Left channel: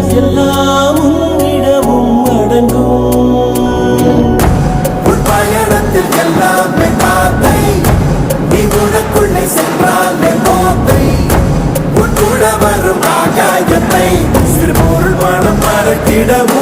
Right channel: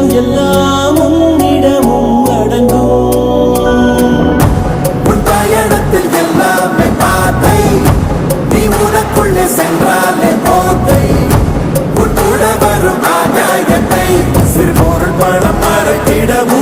செல்வம் எல்லாம் உன்னிடமும் அடங்கும். உன் பயணத்தில் எல்லாமே பாதை, நீ உனக்குள்ளே சென்றாலே போதை. உன் கூட வரும் ஆகாயத்தை சிறு பொருள் பணம் மறக்கிடவும்